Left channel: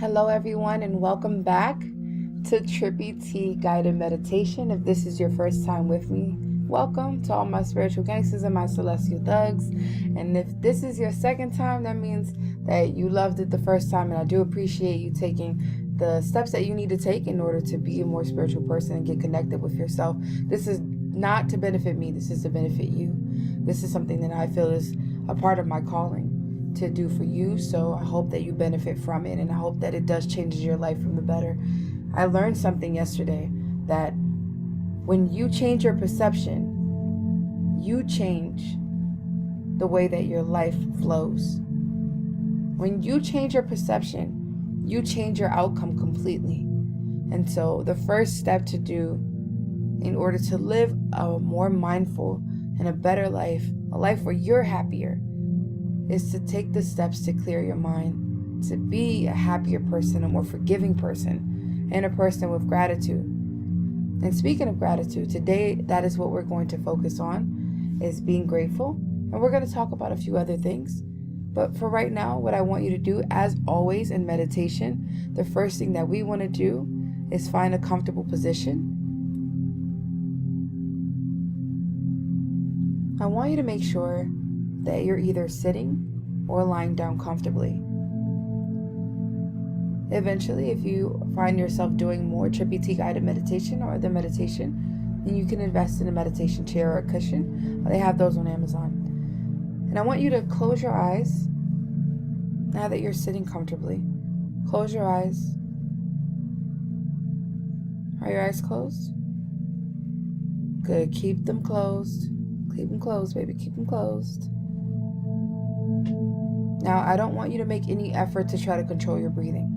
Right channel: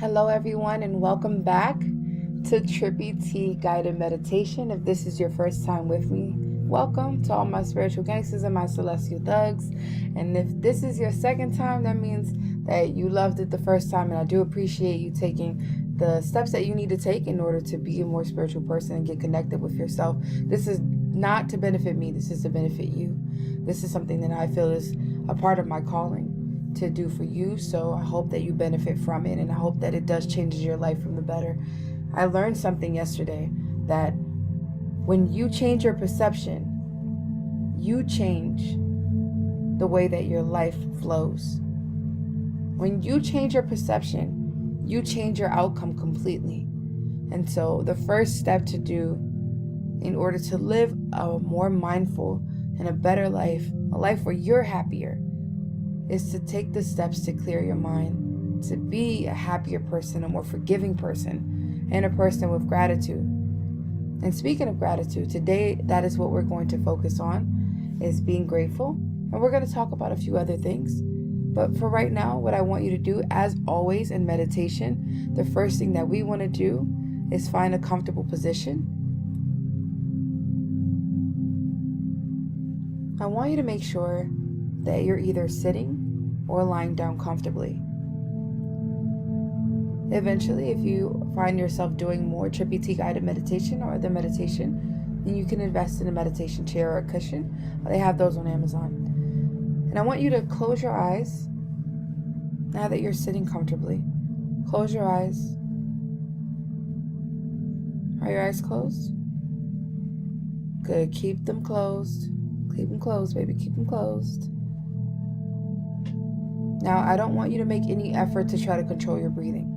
Hello, everyone, and welcome back to Trippy Tea Guided Meditation. If this is your first time with me, welcome to all my spiritual gangsters and my celestial thugs. And if this is your second time, that means that you loved it the first time, and I do appreciate you taking the steps that you need to take in order to be a more spiritual person and get connected with yourself. This is not to benefit me, this is to benefit you. This is something that I feel is a part of my calling to do for you, so I hope that you benefit from it, and I hope that it does change your life from the better. I learned something yesterday that when you change your perception, you change the way that your life flows. When you change your perception, you change your outcome completely. And so the first step to do in order to live a more mindful and a better life, a life where you're happier, is to take the steps to clear your mind, to be a happier person, a more forgiving person, and a person with gratitude. And speaking of gratitude, today that is what we're going to focus on, is being grateful. And we're going to talk about a few other things. But for right now, what I want you to do, as always in meditation, the first thing that we want to do is find a comfortable position. I want you to make sure that you're either sitting or lying down comfortably. Eventually, if you find yourself doing more Trippy Tea guided meditation or other meditation, then you can invest in a meditation chair or a cushion. They have those on Amazon. And I want you to close your eyes now that you're sitting comfortably. Close your eyes. Are your eyes closed? Good. Keep them closed. Keep them closed, baby. Keep them closed. Now, I don't want you to make any effort to try to control your breathing.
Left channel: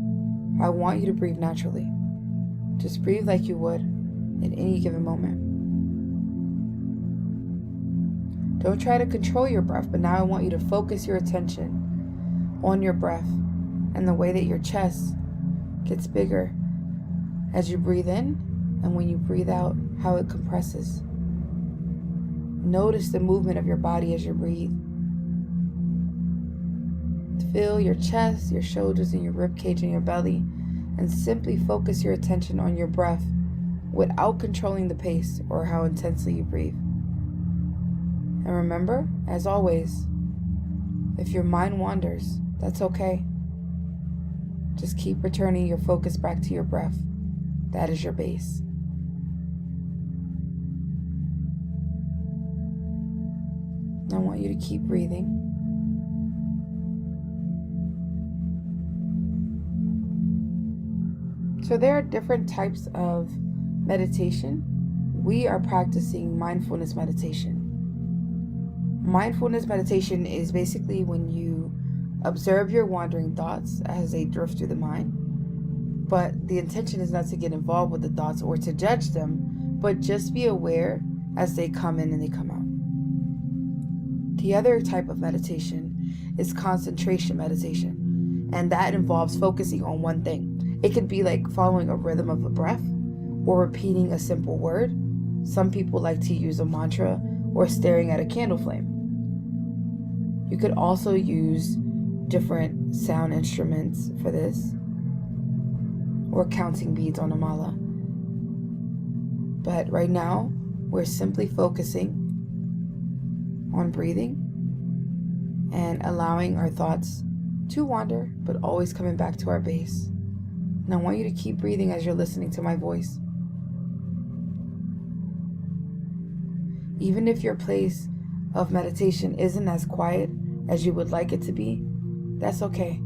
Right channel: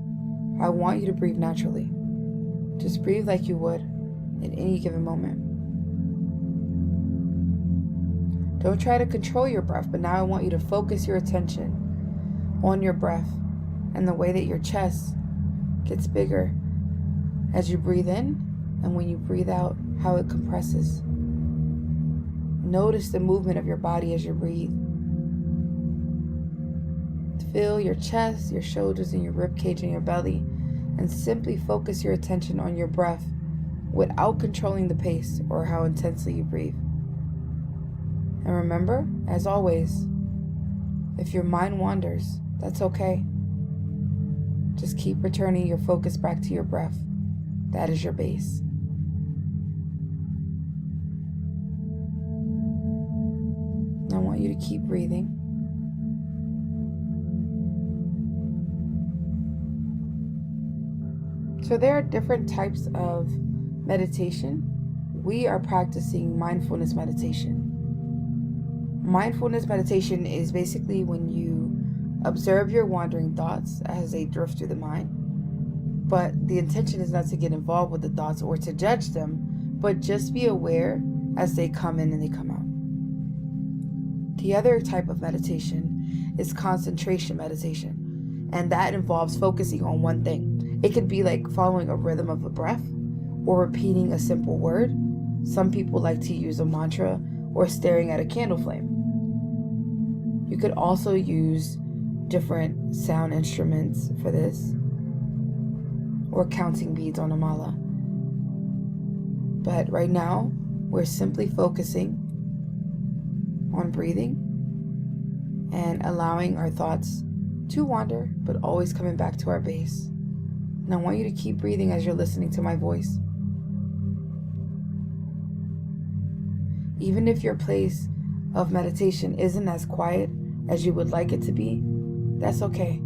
I want you to breathe naturally. Just breathe like you would in any given moment. Don't try to control your breath, but now I want you to focus your attention on your breath and the way that your chest gets bigger as you breathe in, and when you breathe out, how it compresses. Notice the movement of your body as you breathe. Feel your chest, your shoulders, and your rib cage and your belly, and simply focus your attention on your breath without controlling the pace or how intensely you breathe. And remember, as always, if your mind wanders, that's okay. Just keep returning your focus back to your breath. That is your base. I want you to keep breathing. So there are different types of meditation. We are practicing mindfulness meditation. Mindfulness meditation is basically when you observe your wandering thoughts as they drift through the mind. But the intention is not to get involved with the thoughts or to judge them, but just be aware as they come in and they come out. The other type of meditation is concentration meditation, and that involves focusing on one thing. It could be like following a rhythm of a breath or repeating a simple word. Some people like to use a mantra or staring at a candle flame. You could also use different sound instruments for this, or counting beads on a mala. But right now, we're simply focusing on breathing and allowing our thoughts to wander, but always coming back to our base. And I want you to keep breathing as you're listening to my voice. Even if your place of meditation isn't as quiet as you would like it to be, that's okay.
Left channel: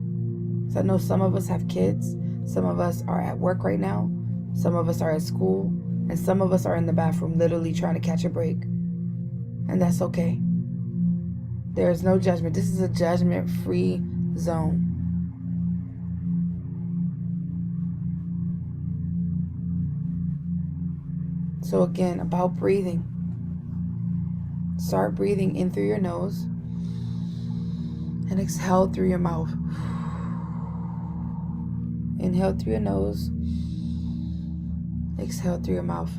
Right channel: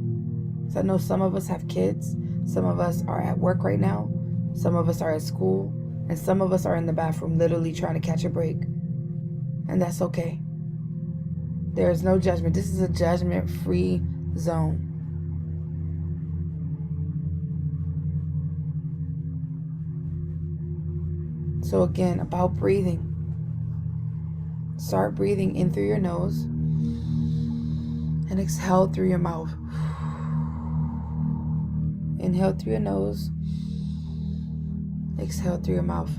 So I know some of us have kids, some of us are at work right now, some of us are at school, and some of us are in the bathroom literally trying to catch a break. And that's okay. There is no judgment. This is a judgment-free zone. So again, about breathing. Start breathing in through your nose and exhale through your mouth. Inhale through your nose. Exhale through your mouth.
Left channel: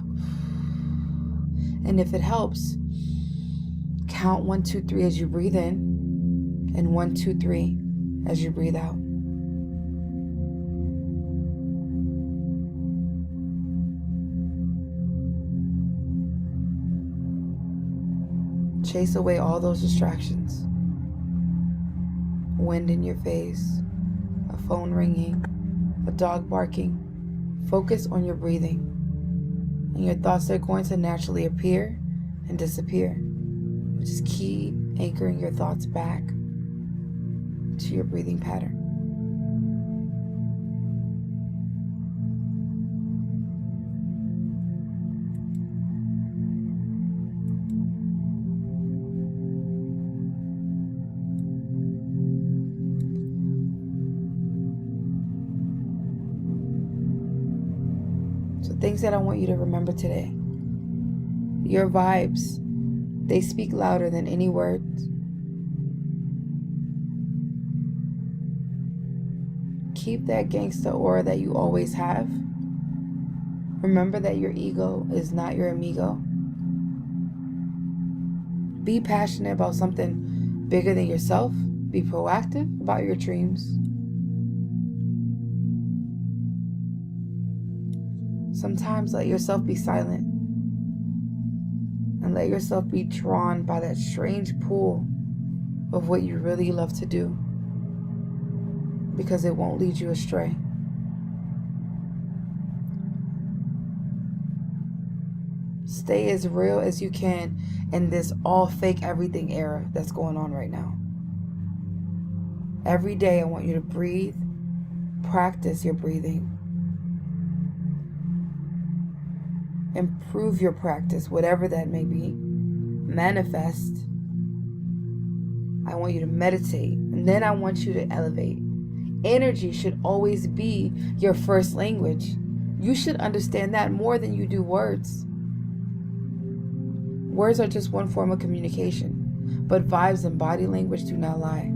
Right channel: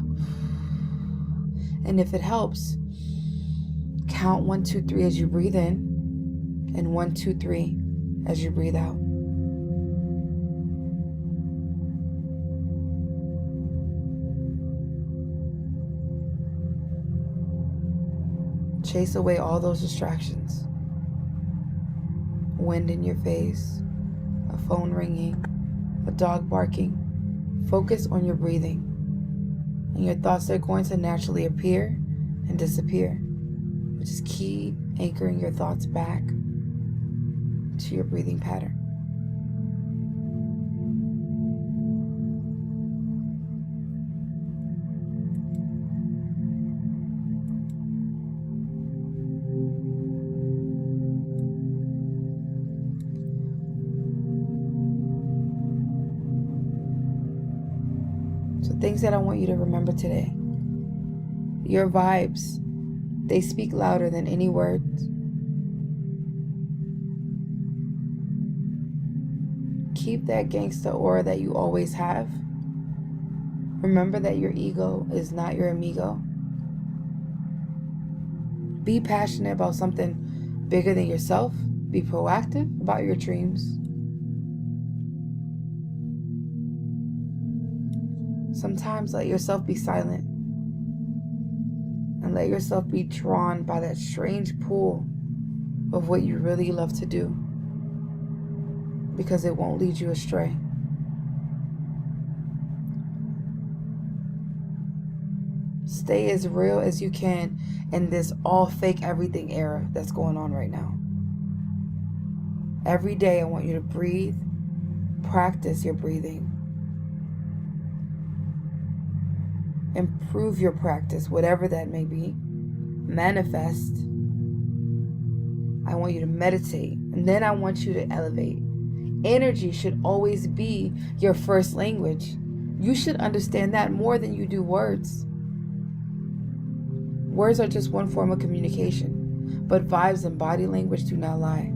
And if it helps, count 1, 2, 3 as you breathe in, and 1, 2, 3 as you breathe out. Chase away all those distractions. Wind in your face, a phone ringing, a dog barking. Focus on your breathing, and your thoughts are going to naturally appear and disappear. Just keep anchoring your thoughts back to your breathing pattern. So things that I want you to remember today. Your vibes, they speak louder than any words. Keep that gangsta aura that you always have. Remember that your ego is not your amigo. Be passionate about something bigger than yourself. Be proactive about your dreams. Sometimes let yourself be silent and let yourself be drawn by that strange pull of what you really love to do, because it won't lead you astray. Stay as real as you can in this all fake everything era that's going on right now. Every day I want you to breathe, practice your breathing. Improve your practice, whatever that may be. Manifest. I want you to meditate, and then I want you to elevate. Energy should always be your first language. You should understand that more than you do words. Words are just one form of communication, but vibes and body language do not lie.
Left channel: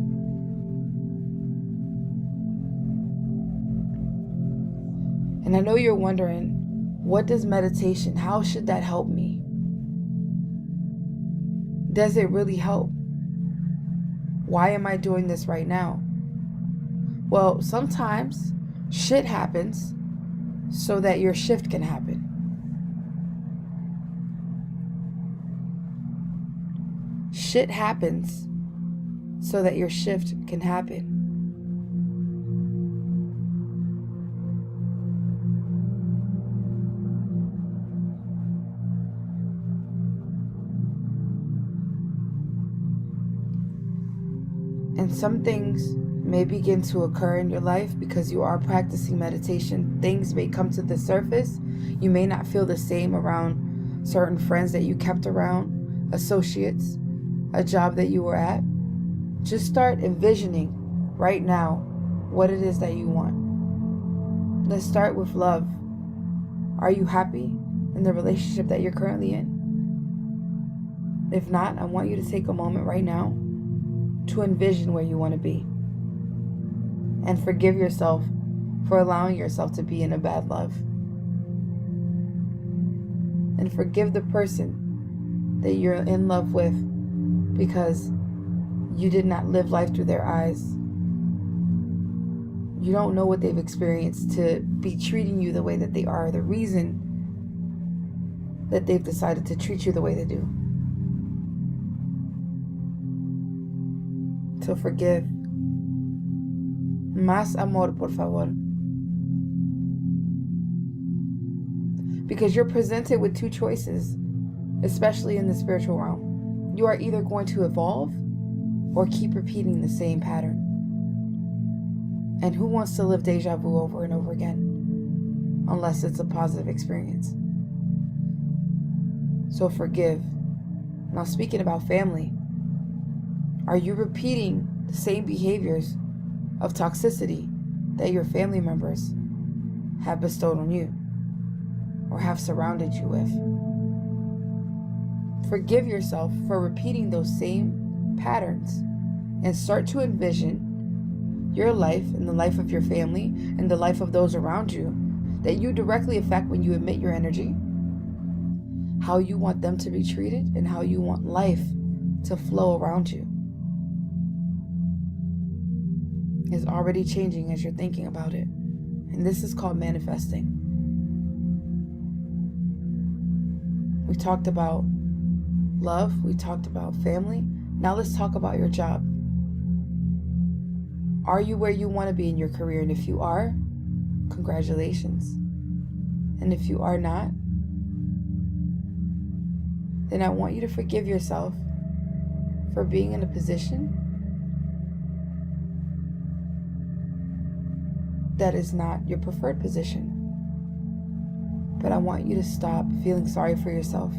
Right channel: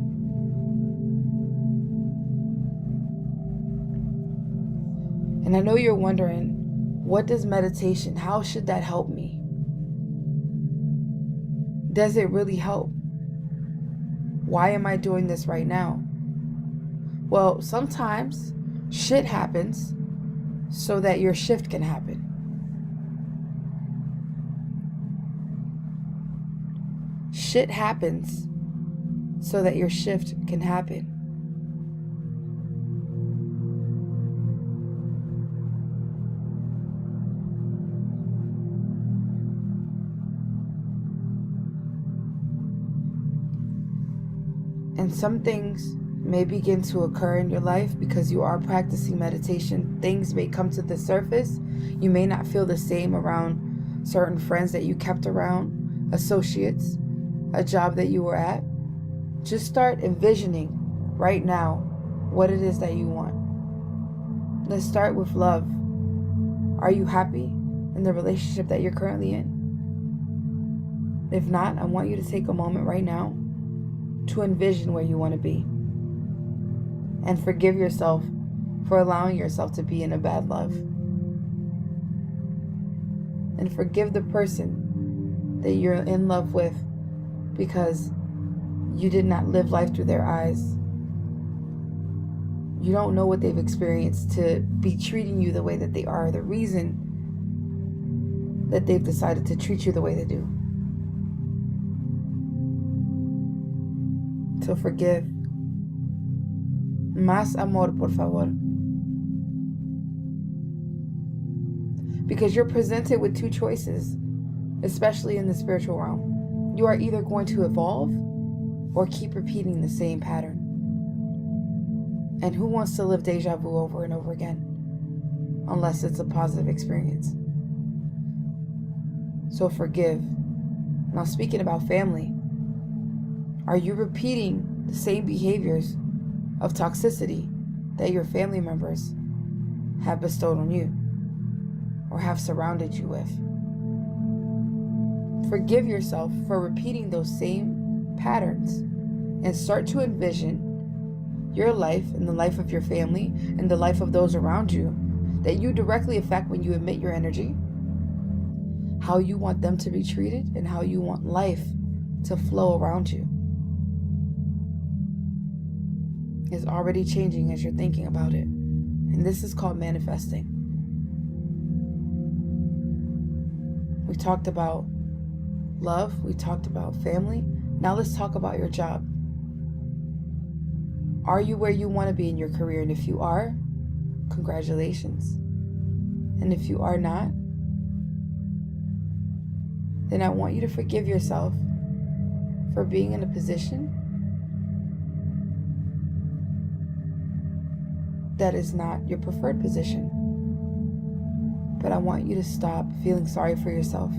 And I know you're wondering, what does meditation, how should that help me? Does it really help? Why am I doing this right now? Well, sometimes shit happens so that your shift can happen. Shit happens so that your shift can happen. And some things may begin to occur in your life because you are practicing meditation. Things may come to the surface. You may not feel the same around certain friends that you kept around, associates, a job that you were at. Just start envisioning right now what it is that you want. Let's start with love. Are you happy in the relationship that you're currently in? If not, I want you to take a moment right now to envision where you want to be. And forgive yourself for allowing yourself to be in a bad love. And forgive the person that you're in love with because you did not live life through their eyes. You don't know what they've experienced to be treating you the way that they are, the reason that they've decided to treat you the way they do. So forgive. Más amor, por favor. Because you're presented with two choices, especially in the spiritual realm. You are either going to evolve or keep repeating the same pattern. And who wants to live deja vu over and over again? Unless it's a positive experience. So forgive. Now, speaking about family, are you repeating the same behaviors of toxicity that your family members have bestowed on you or have surrounded you with? Forgive yourself for repeating those same patterns and start to envision your life and the life of your family and the life of those around you that you directly affect when you emit your energy, how you want them to be treated, and how you want life to flow around you. Is already changing as you're thinking about it. And this is called manifesting. We talked about love, we talked about family. Now let's talk about your job. Are you where you want to be in your career? And if you are, congratulations. And if you are not, then I want you to forgive yourself for being in a position that is not your preferred position. But I want you to stop feeling sorry for yourself.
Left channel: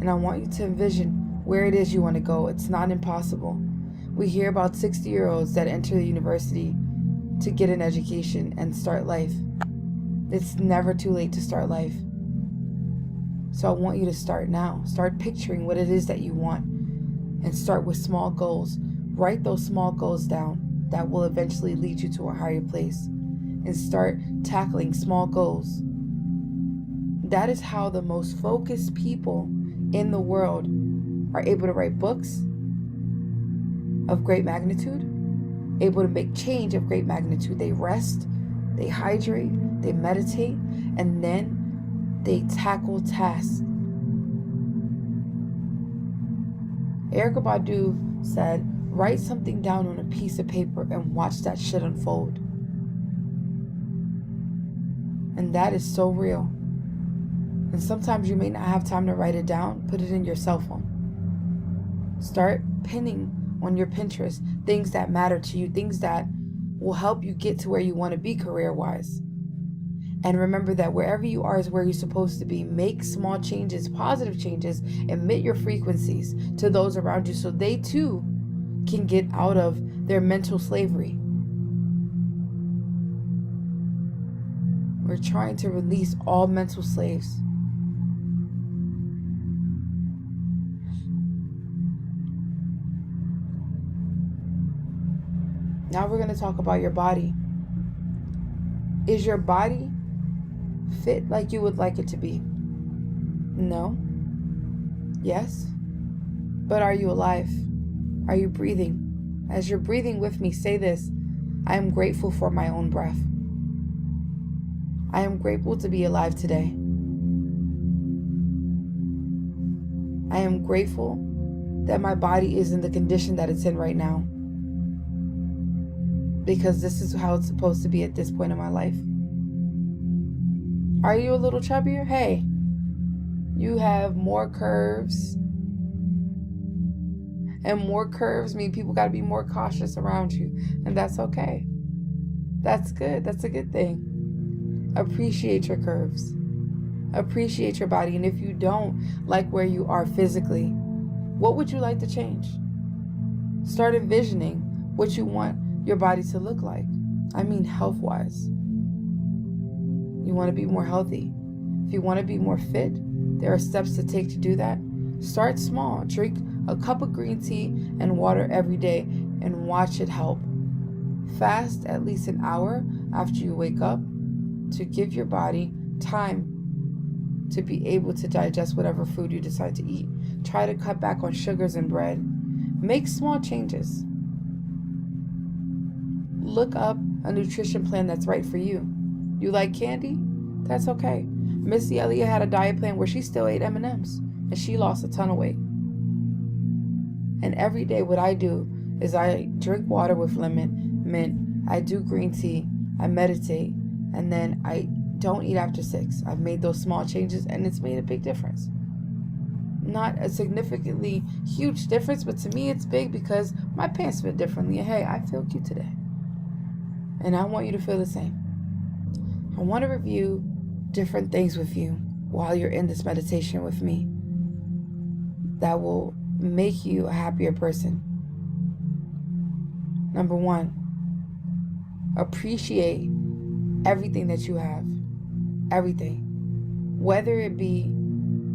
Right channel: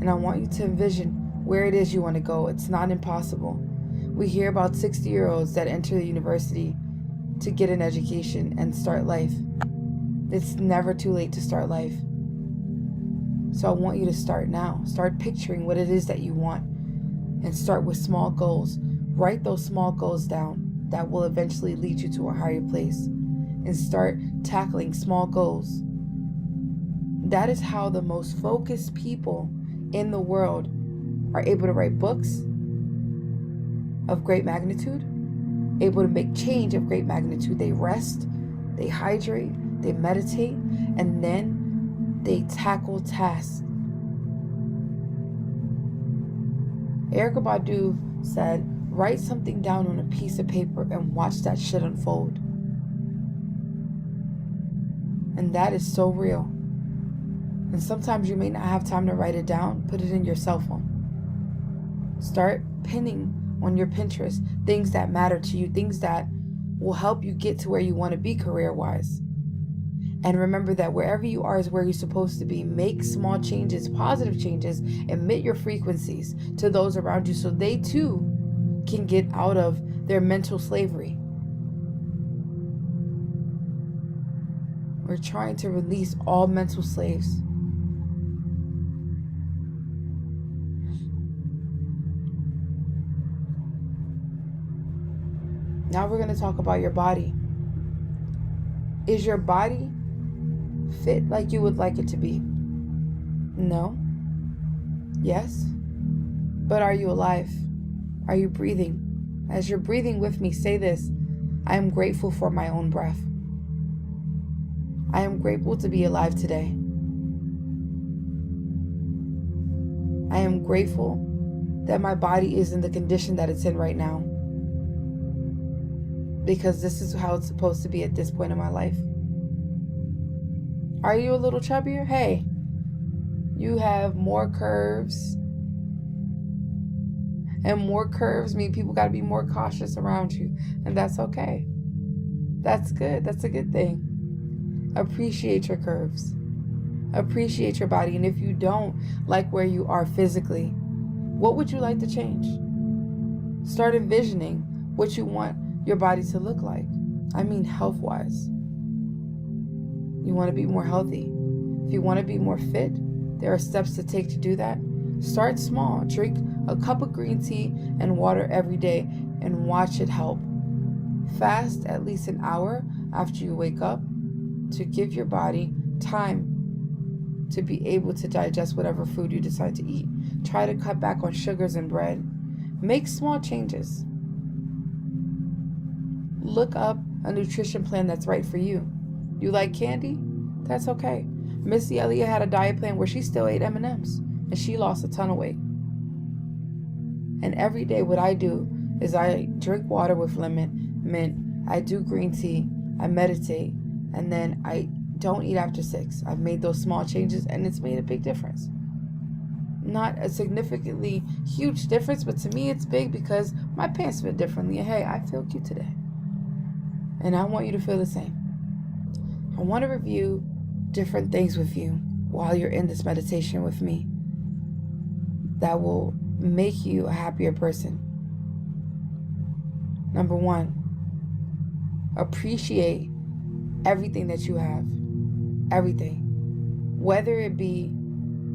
And I want you to envision where it is you want to go. It's not impossible. We hear about 60-year-olds that enter the university to get an education and start life. It's never too late to start life. So I want you to start now. Start picturing what it is that you want and start with small goals. Write those small goals down that will eventually lead you to a higher place, and start tackling small goals. That is how the most focused people in the world are able to write books of great magnitude, able to make change of great magnitude. They rest, they hydrate, they meditate, and then they tackle tasks. Erykah Badu said, write something down on a piece of paper and watch that shit unfold. And that is so real. And sometimes you may not have time to write it down. Put it in your cell phone. Start pinning on your Pinterest things that matter to you, things that will help you get to where you want to be career-wise. And remember that wherever you are is where you're supposed to be. Make small changes, positive changes. Emit your frequencies to those around you so they too can get out of their mental slavery. We're trying to release all mental slaves. Now we're going to talk about your body. Is your body fit like you would like it to be? No. Yes. But are you alive? Are you breathing? As you're breathing with me, say this: I am grateful for my own breath. I am grateful to be alive today. I am grateful that my body is in the condition that it's in right now, because this is how it's supposed to be at this point in my life. Are you a little chubbier? Hey, you have more curves. And more curves mean people got to be more cautious around you. And that's okay. That's good. That's a good thing. Appreciate your curves. Appreciate your body. And if you don't like where you are physically, what would you like to change? Start envisioning what you want your body to look like. I mean health-wise. You want to be more healthy. If you want to be more fit, there are steps to take to do that. Start small. Drink a cup of green tea and water every day and watch it help. Fast at least an hour after you wake up to give your body time to be able to digest whatever food you decide to eat. Try to cut back on sugars and bread. Make small changes. Look up a nutrition plan that's right for you. You like candy? That's okay. Missy Elliott had a diet plan where she still ate M&Ms and she lost a ton of weight. And every day what I do is I drink water with lemon, mint, I do green tea, I meditate, and then I don't eat after 6. I've made those small changes and it's made a big difference. Not a significantly huge difference, but to me it's big because my pants fit differently. And hey, I feel cute today. And I want you to feel the same. I want to review different things with you while you're in this meditation with me that will make you a happier person. Number 1, appreciate everything that you have. Everything. Whether it be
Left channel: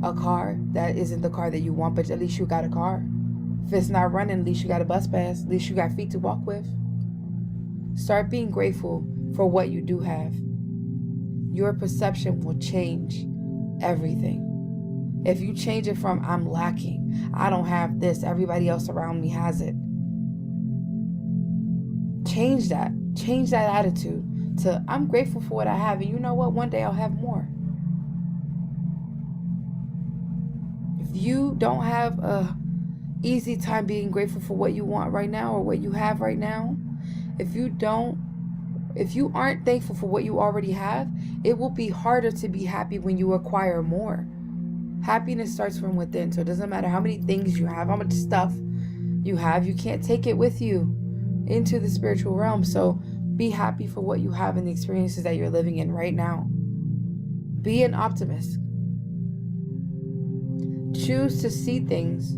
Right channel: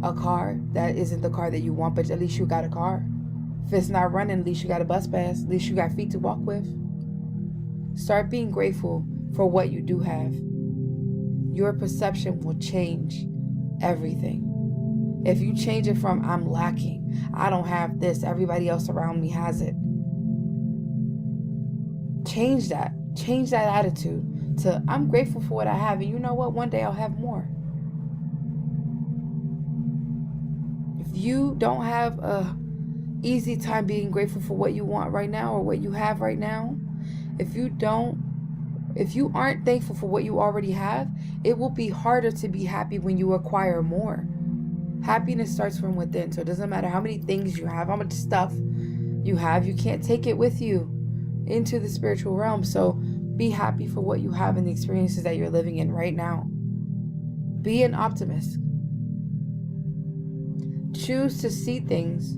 a car that isn't the car that you want, but at least you got a car. If it's not running, at least you got a bus pass. At least you got feet to walk with. Start being grateful for what you do have. Your perception will change everything. If you change it from I'm lacking, I don't have this, everybody else around me has it. Change that. Change that attitude to I'm grateful for what I have, and you know what? One day I'll have more. If you don't have a easy time being grateful for what you want right now or what you have right now, if you aren't thankful for what you already have, it will be harder to be happy when you acquire more. Happiness starts from within. So it doesn't matter how many things you have, how much stuff you have, you can't take it with you into the spiritual realm. So be happy for what you have and the experiences that you're living in right now. Be an optimist. Choose to see things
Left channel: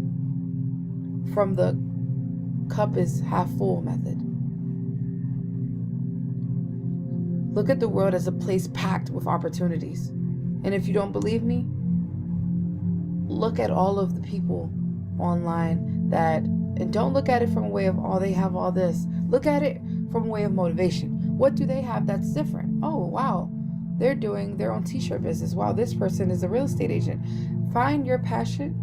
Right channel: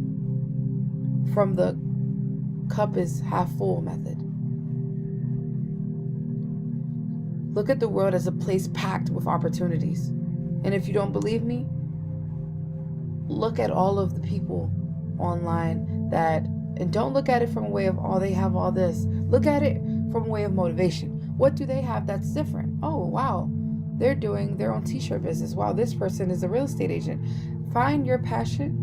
from the cup is half full method. Look at the world as a place packed with opportunities. And if you don't believe me, look at all of the people online and don't look at it from a way of, oh, they have all this. Look at it from a way of motivation. What do they have that's different? Oh, wow, they're doing their own t-shirt business. Wow, this person is a real estate agent. Find your passion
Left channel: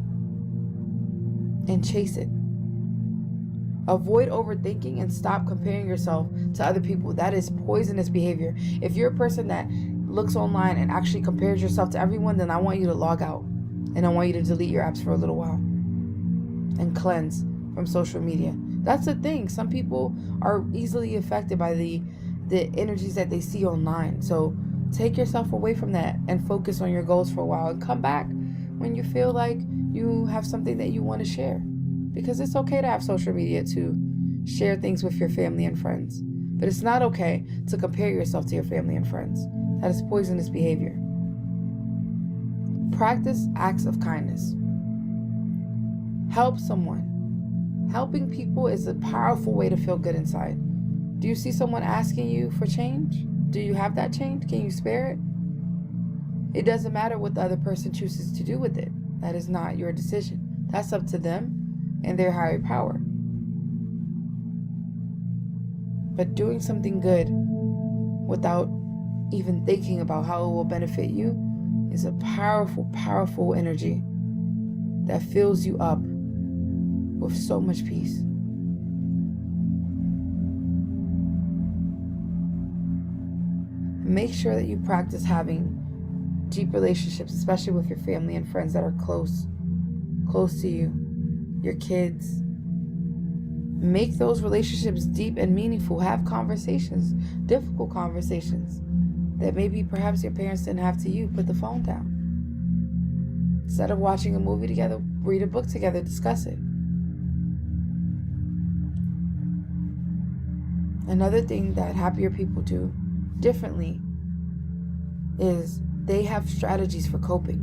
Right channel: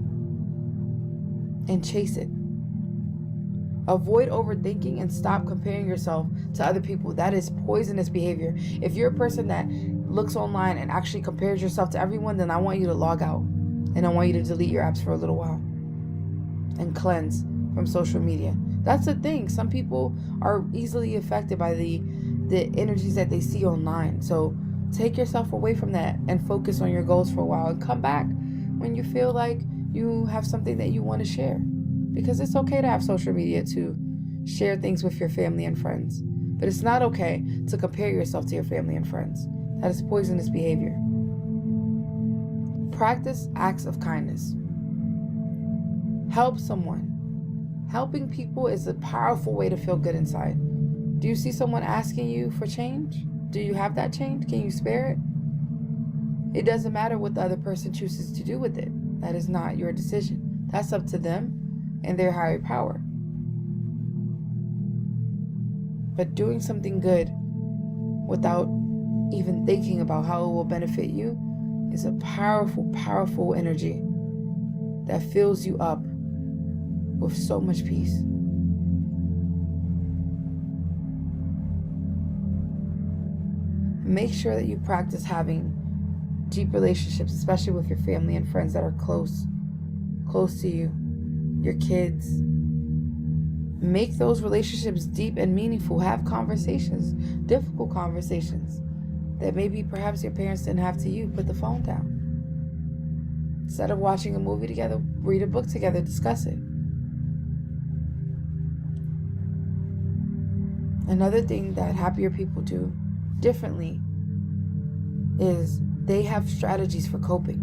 and chase it. Avoid overthinking and stop comparing yourself to other people. That is poisonous behavior. If you're a person that looks online and actually compares yourself to everyone, then I want you to log out. And I want you to delete your apps for a little while. And cleanse from social media. That's the thing. Some people are easily affected by the energies that they see online. So take yourself away from that and focus on your goals for a while. And come back when you feel like you have something that you want to share. Because it's okay to have social media to share things with your family and friends. But it's not okay to compare yourself to your family and friends. That is poisonous behavior. Practice acts of kindness. Help someone. Helping people is a powerful way to feel good inside. Do you see someone asking you for change? Do you have that change? Can you spare it? It doesn't matter what the other person chooses to do with it. That is not your decision. That's up to them and their higher power. But doing something good without even thinking about how it will benefit you is a powerful, powerful energy that fills you up with so much peace. Make sure that you practice having deep relationships, especially with your family and friends that are close to you, your kids. Make those relationships deep and meaningful. Have conversations, difficult conversations that maybe perhaps your parents didn't have to you. Put the phone down. Instead of watching a movie together, read a book together, discuss it. Another thing that happier people do differently is they have strategies for coping.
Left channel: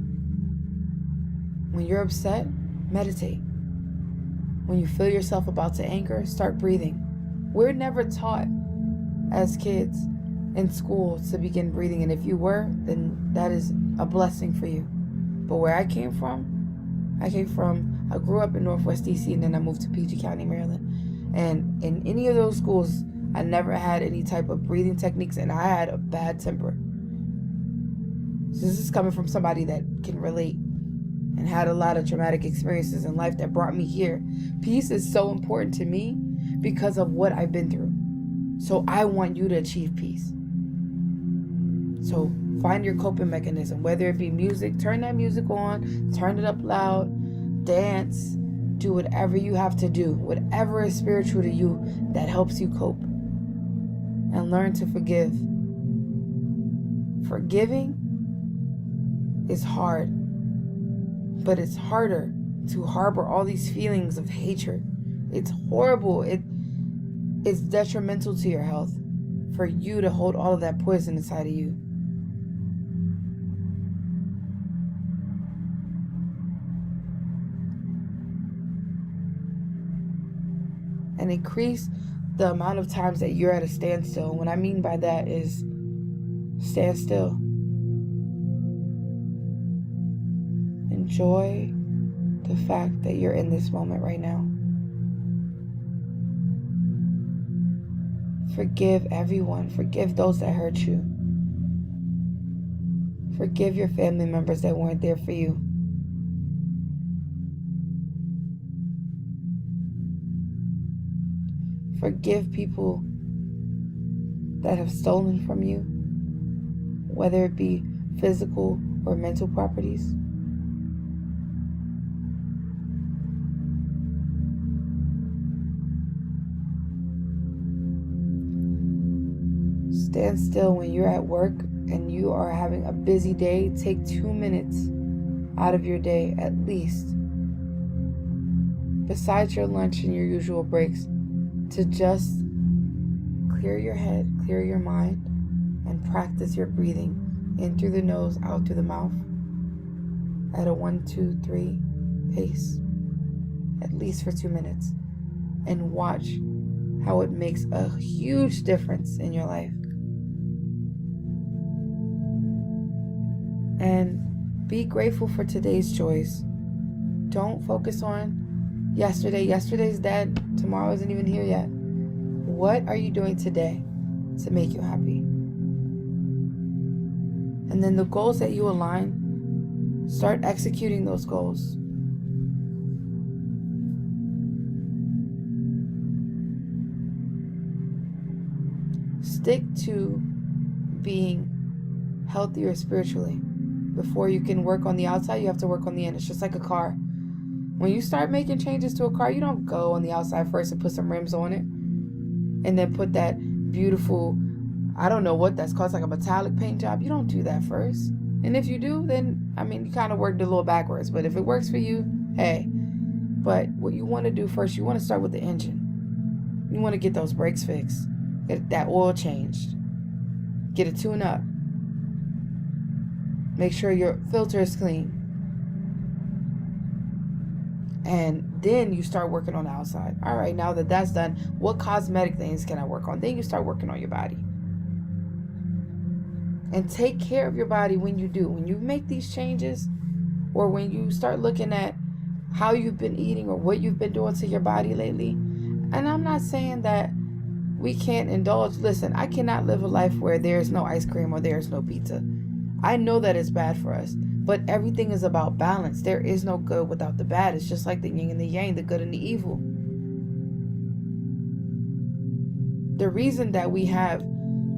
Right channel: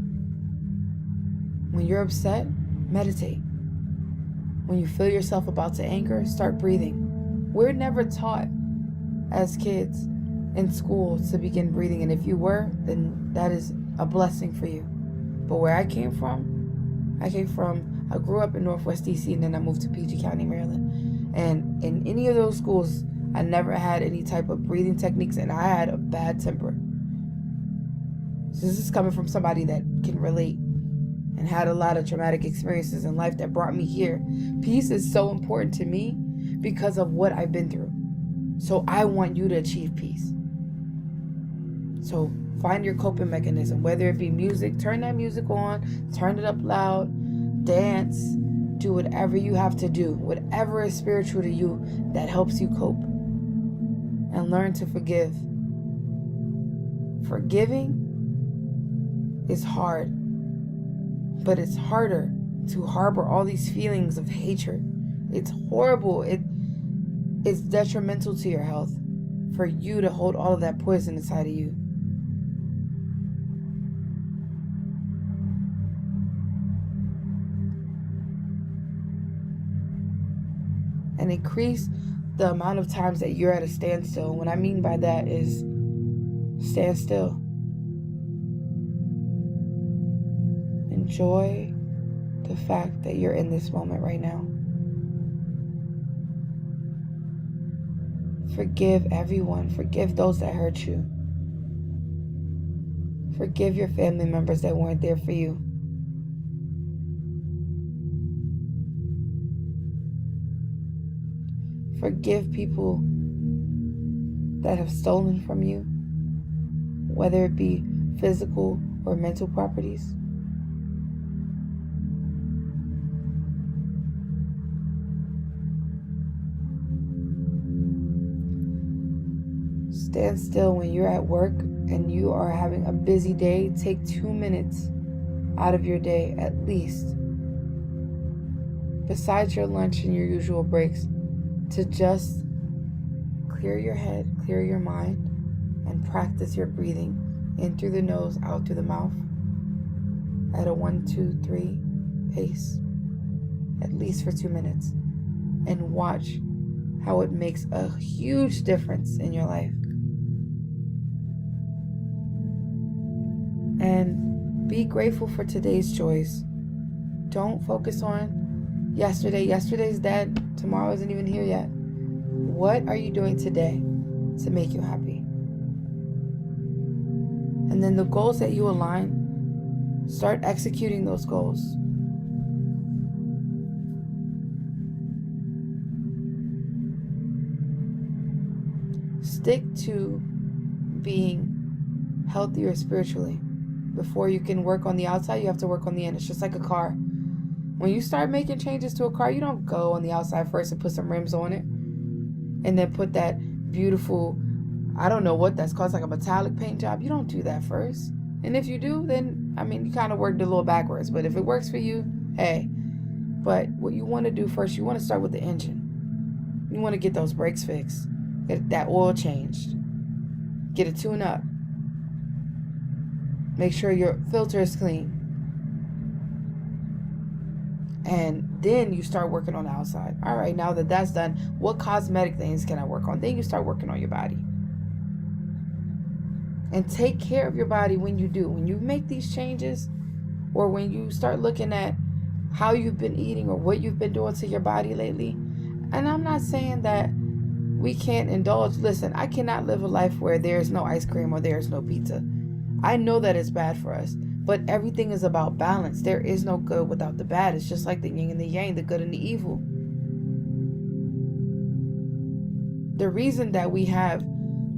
When you're upset, meditate. When you feel yourself about to anger, start breathing. We're never taught as kids in school to begin breathing, and if you were, then that is a blessing for you. But where I came from, I grew up in Northwest DC, and then I moved to PG County, Maryland. And in any of those schools, I never had any type of breathing techniques, and I had a bad temper. So this is coming from somebody that can relate and had a lot of traumatic experiences in life that brought me here. Peace is so important to me because of what I've been through. So I want you to achieve peace. So find your coping mechanism, whether it be music, turn that music on, turn it up loud, dance, do whatever you have to do, whatever is spiritual to you that helps you cope. And learn to forgive. Forgiving is hard, but it's harder to harbor all these feelings of hatred. It's horrible. It's detrimental to your health for you to hold all of that poison inside of you. And increase the amount of times that you're at a standstill. What I mean by that is stand still. Enjoy the fact that you're in this moment right now. Forgive everyone. Forgive those that hurt you. Forgive your family members that weren't there for you. Forgive people that have stolen from you, whether it be physical or mental properties. Stand still when you're at work and you are having a busy day. Take 2 minutes out of your day at least, besides your lunch and your usual breaks, to just clear your head, clear your mind, and practice your breathing in through the nose, out through the mouth at a 1, 2, 3 pace, at least for 2 minutes, and watch how it makes a huge difference in your life. And be grateful for today's joys. Don't focus on yesterday. Yesterday's dead. Tomorrow isn't even here yet. What are you doing today to make you happy? And then the goals that you align, start executing those goals. Stick to being healthier spiritually. Before you can work on the outside, you have to work on the in. It's just like a car. When you start making changes to a car, you don't go on the outside first and put some rims on it and then put that beautiful, I don't know what that's called, it's like a metallic paint job. You don't do that first. And if you do, then, you kind of worked a little backwards. But if it works for you, hey. But what you want to do first, you want to start with the engine. You want to get those brakes fixed. Get that oil changed. Get a tune up. Make sure your filter is clean. And then you start working on the outside. All right, now that that's done, what cosmetic things can I work on? Then you start working on your body. And take care of your body when you do. When you make these changes, or when you start looking at how you've been eating or what you've been doing to your body lately. And I'm not saying that we can't indulge. Listen, I cannot live a life where there's no ice cream or there's no pizza. I know that it's bad for us, but everything is about balance. There is no good without the bad. It's just like the yin and the yang, the good and the evil. The reason that we have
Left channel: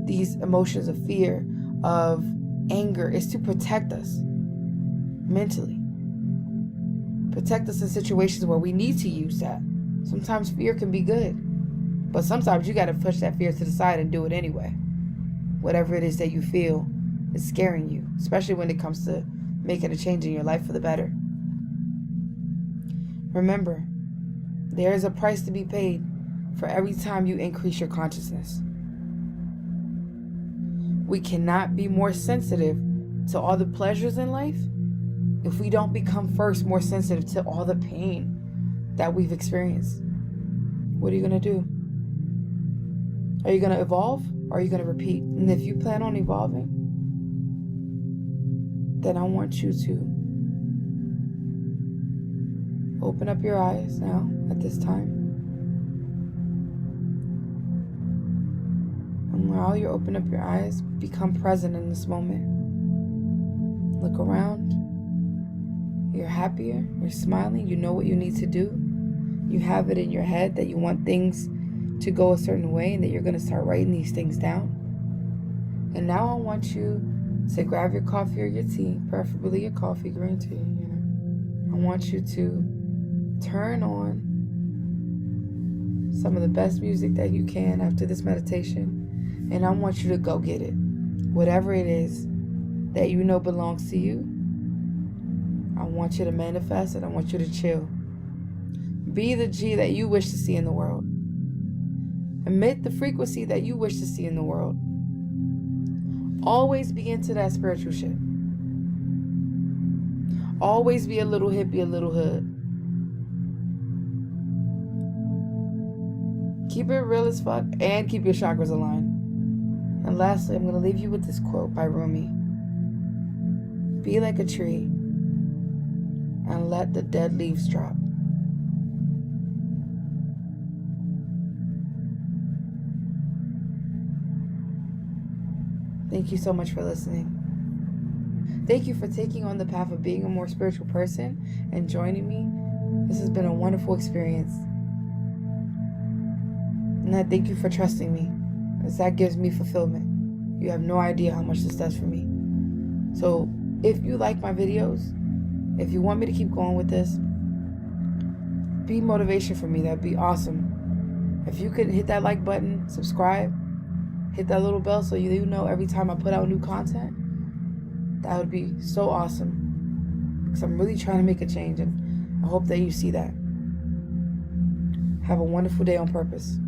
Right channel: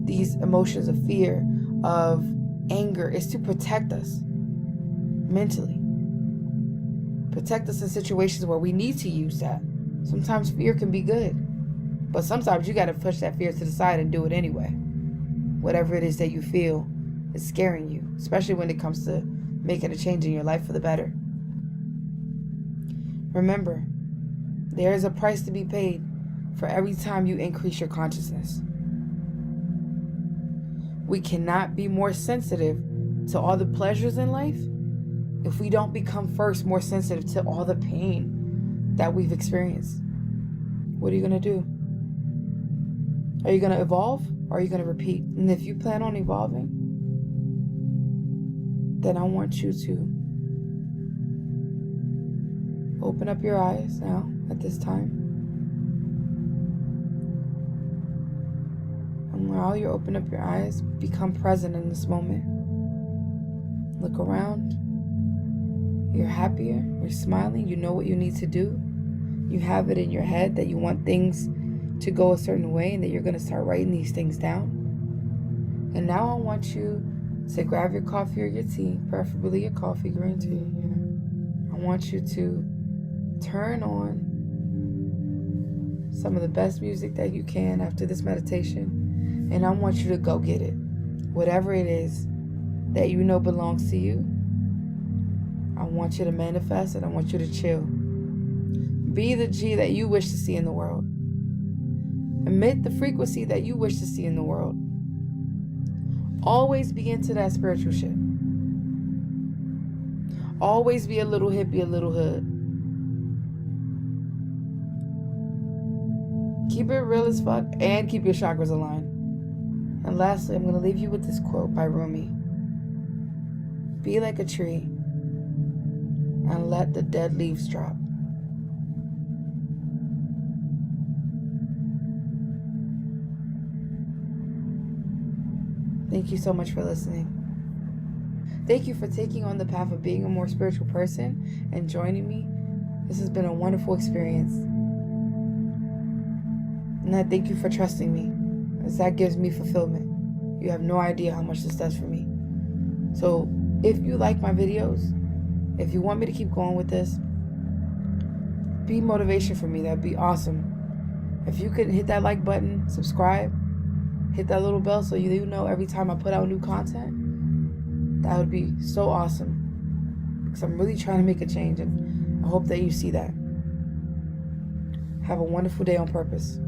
these emotions of fear, of anger, is to protect us mentally. Protect us in situations where we need to use that. Sometimes fear can be good, but sometimes you got to push that fear to the side and do it anyway. Whatever it is that you feel is scaring you, especially when it comes to making a change in your life for the better. Remember, there is a price to be paid for every time you increase your consciousness. We cannot be more sensitive to all the pleasures in life if we don't become first more sensitive to all the pain that we've experienced. What are you going to do? Are you going to evolve, or are you going to repeat? And if you plan on evolving, then I want you to open up your eyes now at this time. And while you open up your eyes, become present in this moment. Look around. You're happier. You're smiling. You know what you need to do. You have it in your head that you want things to go a certain way and that you're going to start writing these things down. And now I want you to grab your coffee or your tea, preferably your coffee, green tea. I want you to turn on some of the best music that you can after this meditation, and I want you to go get it. Whatever it is that you know belongs to you, I want you to manifest it. I want you to chill. Be the G that you wish to see in the world. Emit the frequency that you wish to see in the world. Always be into that spiritual shit. Always be a little hippie, a little hood. Keep it real as fuck and keep your chakras aligned. And lastly, I'm going to leave you with this quote by Rumi. Be like a tree and let the dead leaves drop. Thank you so much for listening. Thank you for taking on the path of being a more spiritual person and joining me. This has been a wonderful experience. And I thank you for trusting me, as that gives me fulfillment. You have no idea how much this does for me. So if you like my videos, if you want me to keep going with this, be motivation for me. That'd be awesome. If you could hit that like button, subscribe, hit that little bell so you know every time I put out new content. That would be so awesome, because I'm really trying to make a change, and I hope that you see that. Have a wonderful day on purpose.